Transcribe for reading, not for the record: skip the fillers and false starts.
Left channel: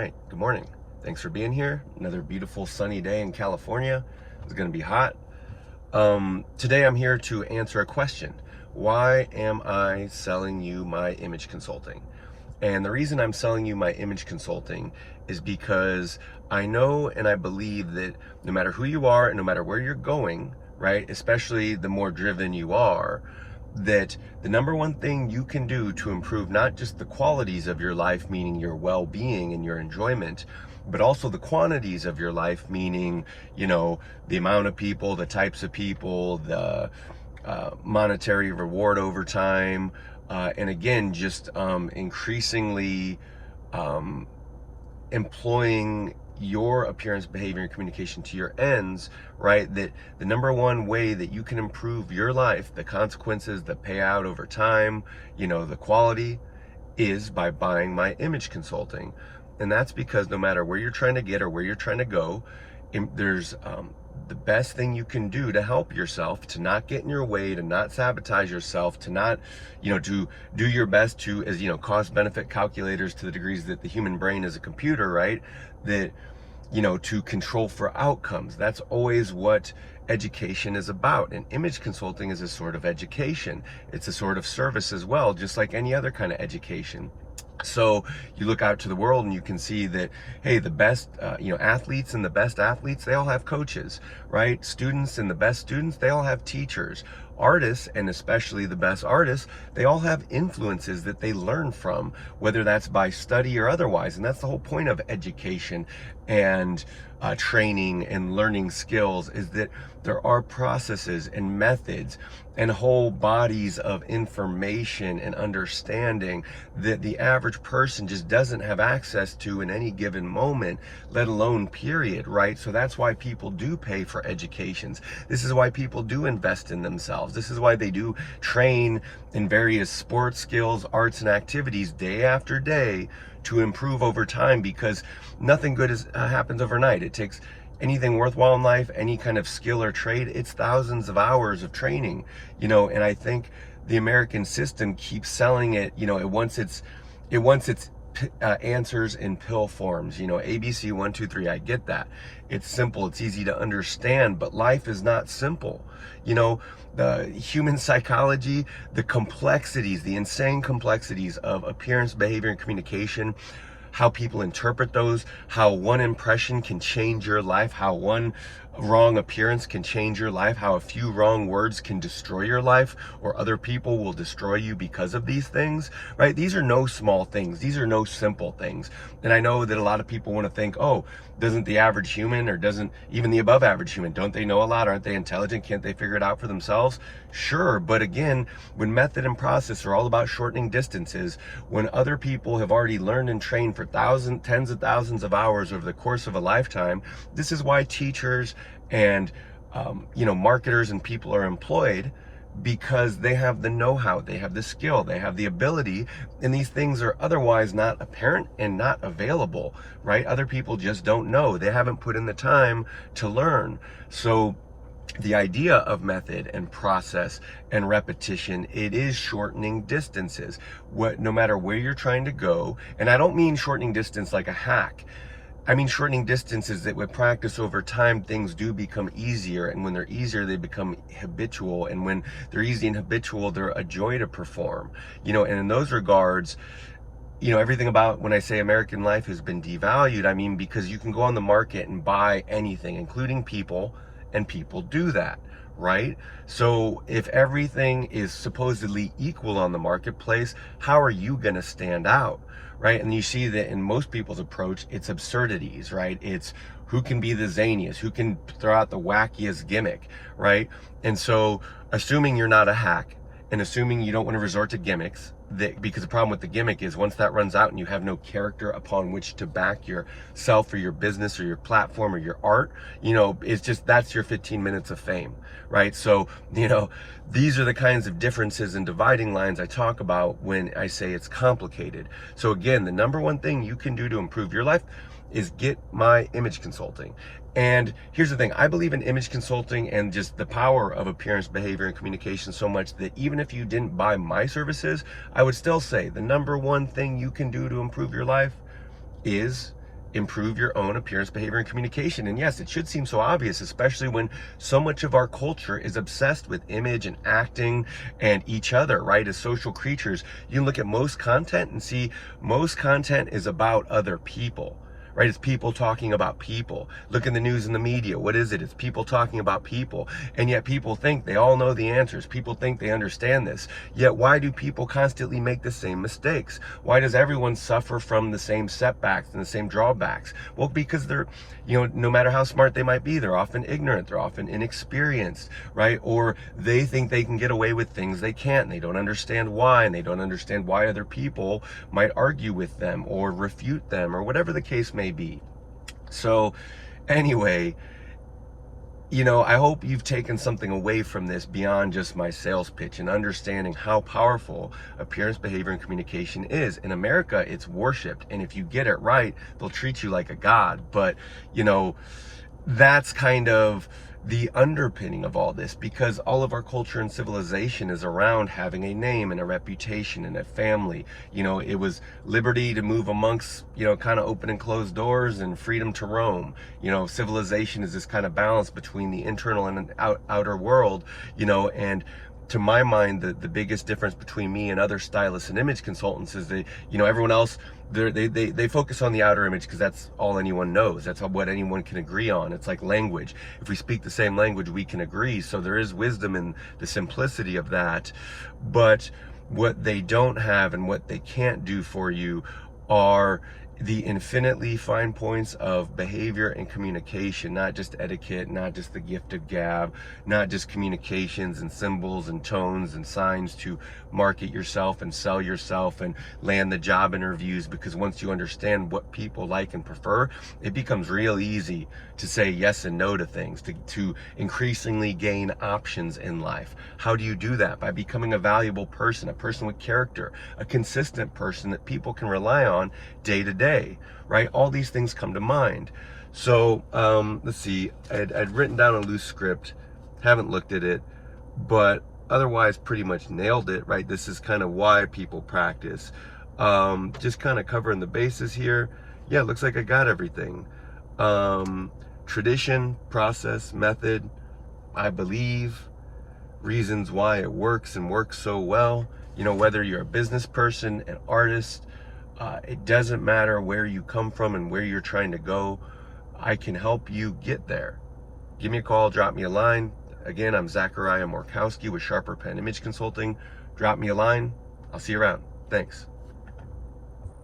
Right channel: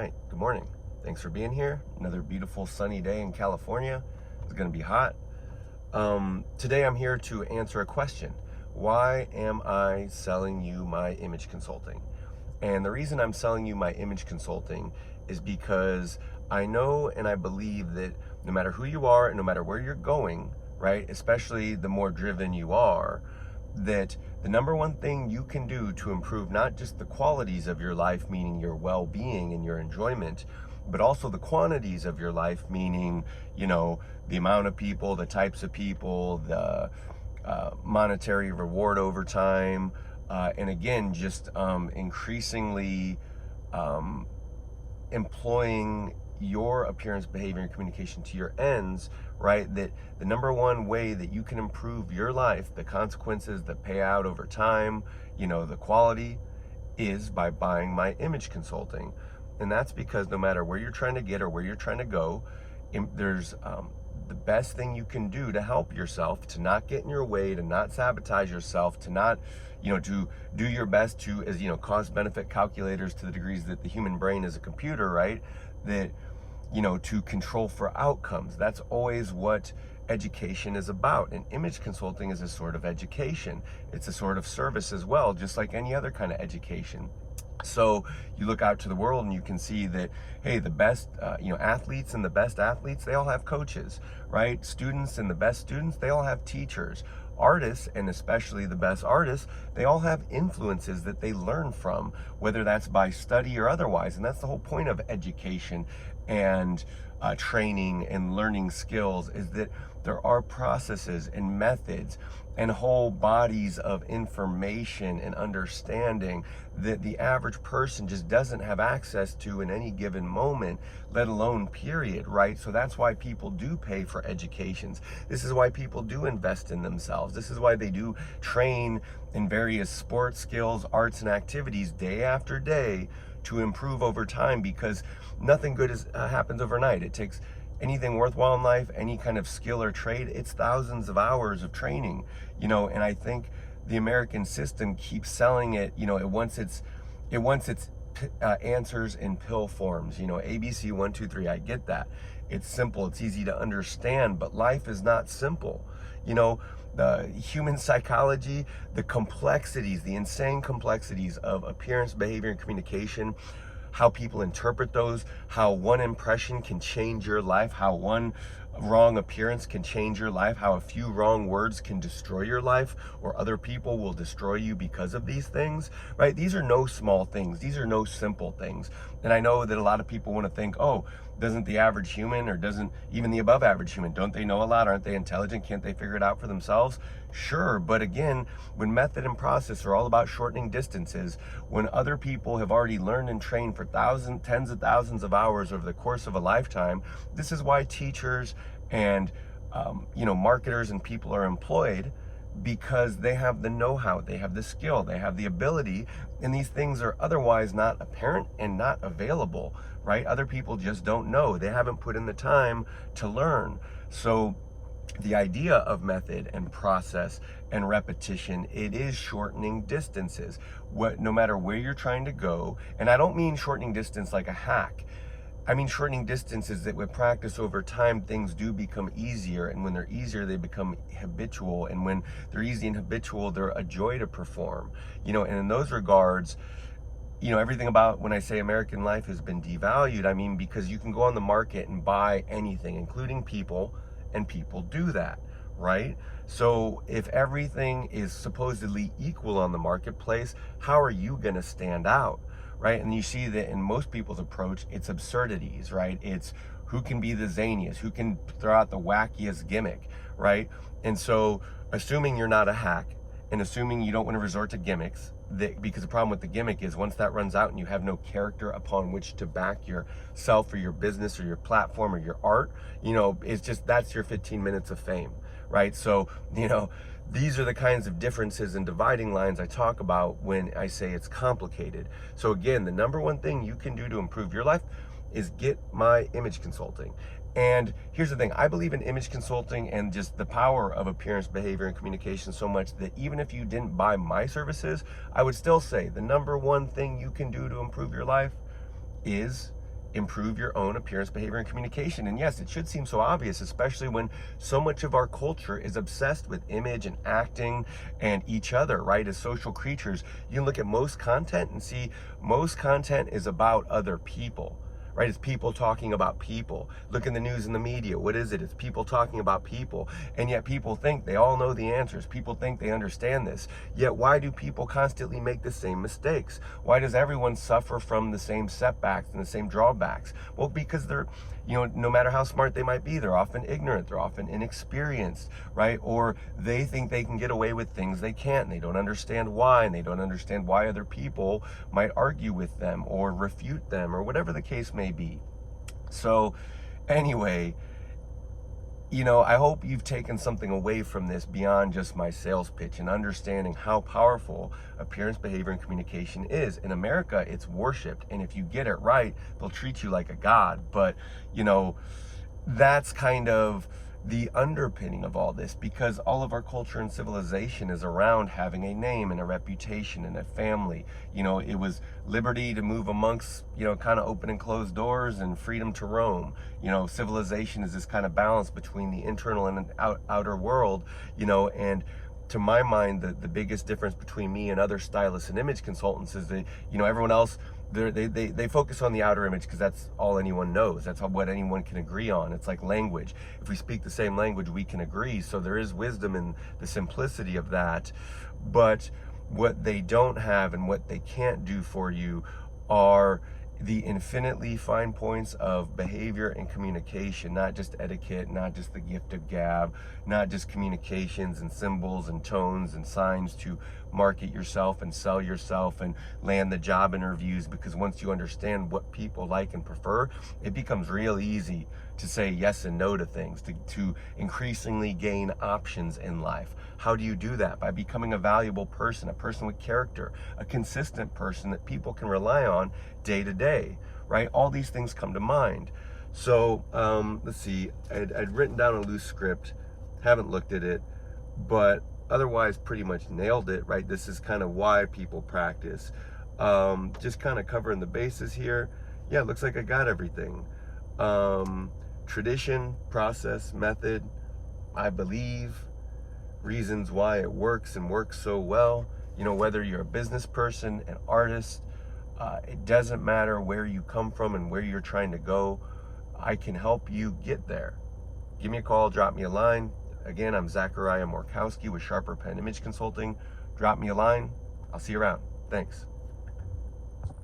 right, good morning. Thanks for being here. Another beautiful sunny day in California. It's going to be hot. Today I'm here to answer a question. Why am I selling you my image consulting? And the reason I'm selling you my image consulting is because I know and I believe that no matter who you are and no matter where you're going, right, especially the more driven you are, that the number one thing you can do to improve not just the qualities of your life, meaning your well-being and your enjoyment, but also the quantities of your life, meaning, the amount of people, the types of people, the monetary reward over time, and again, just increasingly um, employing your appearance, behavior, and communication to your ends, right? That the number one way that you can improve your life, the consequences that pay out over time, the quality, is by buying my image consulting. And that's because no matter where you're trying to get or where you're trying to go, there's the best thing you can do to help yourself, to not get in your way, to not sabotage yourself, to not, to do your best to, as cost benefit calculators to the degrees that the human brain is a computer, right? That, to control for outcomes. That's always what education is about. And image consulting is a sort of education. It's a sort of service as well, just like any other kind of education. So you look out to the world and you can see that, hey, the best, athletes and the best athletes, they all have coaches, right? Students and the best students, they all have teachers. Artists, and especially the best artists, they all have influences that they learn from, whether that's by study or otherwise. And that's the whole point of education and training and learning skills, is that there are processes and methods and whole bodies of information and understanding that the average person just doesn't have access to in any given moment, let alone period, right? So that's why people do pay for educations. This is why people do invest in themselves. This is why they do train in various sports skills, arts, and activities day after day to improve over time, because nothing good happens overnight. It takes anything worthwhile in life, any kind of skill or trade, it's thousands of hours of training, and I think the American system keeps selling it, it wants its answers in pill forms, ABC 1 2 3. I get that. It's simple, it's easy to understand, but life is not simple. The human psychology, the complexities, the insane complexities of appearance, behavior, and communication, how people interpret those, how one impression can change your life, how one wrong appearance can change your life, how a few wrong words can destroy your life, or other people will destroy you because of these things, right? These are no small things. These are no simple things. And I know that a lot of people want to think, oh, doesn't the average human, or doesn't even the above average human, don't they know a lot? Aren't they intelligent? Can't they figure it out for themselves? Sure, but again, when method and process are all about shortening distances, when other people have already learned and trained for tens of thousands of hours over the course of a lifetime, this is why teachers and marketers and people are employed, because they have the know-how, they have the skill, they have the ability, and these things are otherwise not apparent and not available, right? Other people just don't know. They haven't put in the time to learn. So the idea of method and process and repetition, it is shortening distances. No matter where you're trying to go, and I don't mean shortening distance like a hack. I mean shortening distances that with practice over time, things do become easier. And when they're easier, they become habitual. And when they're easy and habitual, they're a joy to perform. And in those regards, everything about when I say American life has been devalued, I mean, because you can go on the market and buy anything, including people, and people do that, right? So if everything is supposedly equal on the marketplace, how are you going to stand out? Right? And you see that in most people's approach, it's absurdities, right? It's who can be the zaniest, who can throw out the wackiest gimmick, right? And so assuming you're not a hack, and assuming you don't want to resort to gimmicks, because the problem with the gimmick is once that runs out and you have no character upon which to back yourself or your business or your platform or your art, it's just, that's your 15 minutes of fame, right? So, these are the kinds of differences and dividing lines I talk about when I say it's complicated. So again, the number one thing you can do to improve your life is get my image consulting. And here's the thing, I believe in image consulting and just the power of appearance, behavior, and communication so much that even if you didn't buy my services, I would still say the number one thing you can do to improve your life is improve your own appearance, behavior, and communication. And yes, it should seem so obvious, especially when so much of our culture is obsessed with image and acting and each other, right? As social creatures, you can look at most content and see most content is about other people. Right? It's people talking about people. Look in the news and the media. What is it? It's people talking about people. And yet people think they all know the answers. People think they understand this. Yet why do people constantly make the same mistakes? Why does everyone suffer from the same setbacks and the same drawbacks? Well, because they're, no matter how smart they might be, they're often ignorant. They're often inexperienced, right? Or they think they can get away with things they can't. And they don't understand why. And they don't understand why other people might argue with them or refute them or whatever the case may be. So anyway, I hope you've taken something away from this beyond just my sales pitch and understanding how powerful appearance, behavior, and communication is. In America, it's worshipped, and if you get it right, they'll treat you like a god. But, that's kind of the underpinning of all this, because all of our culture and civilization is around having a name and a reputation and a family. It was liberty to move amongst, kind of open and closed doors, and freedom to roam. Civilization is this kind of balance between the internal and outer world, and to my mind, the biggest difference between me and other stylists and image consultants is everyone else, they focus on the outer image because that's all anyone knows. That's what anyone can agree on. It's like language. If we speak the same language, we can agree. So there is wisdom in the simplicity of that. But what they don't have and what they can't do for you are the infinitely fine points of behavior and communication, not just etiquette, not just the gift of gab, not just communications and symbols and tones and signs to market yourself and sell yourself and land the job interviews. Because once you understand what people like and prefer, it becomes real easy to say yes and no to things, to increasingly gain options in life. How do you do that? By becoming a valuable person, a person with character, a consistent person that people can rely on day to day, right? All these things come to mind. So let's see, I'd written down a loose script, haven't looked at it, but otherwise pretty much nailed it, right? This is kind of why people practice. Just kind of covering the bases here. Yeah, it looks like I got everything. Tradition, process, method, I believe, reasons why it works and works so well. Whether you're a business person, an artist, it doesn't matter where you come from and where you're trying to go. I can help you get there. Give me a call, drop me a line. Again, I'm Zachariah Morkowski with Sharper Pen Image Consulting. Drop me a line. I'll see you around. Thanks.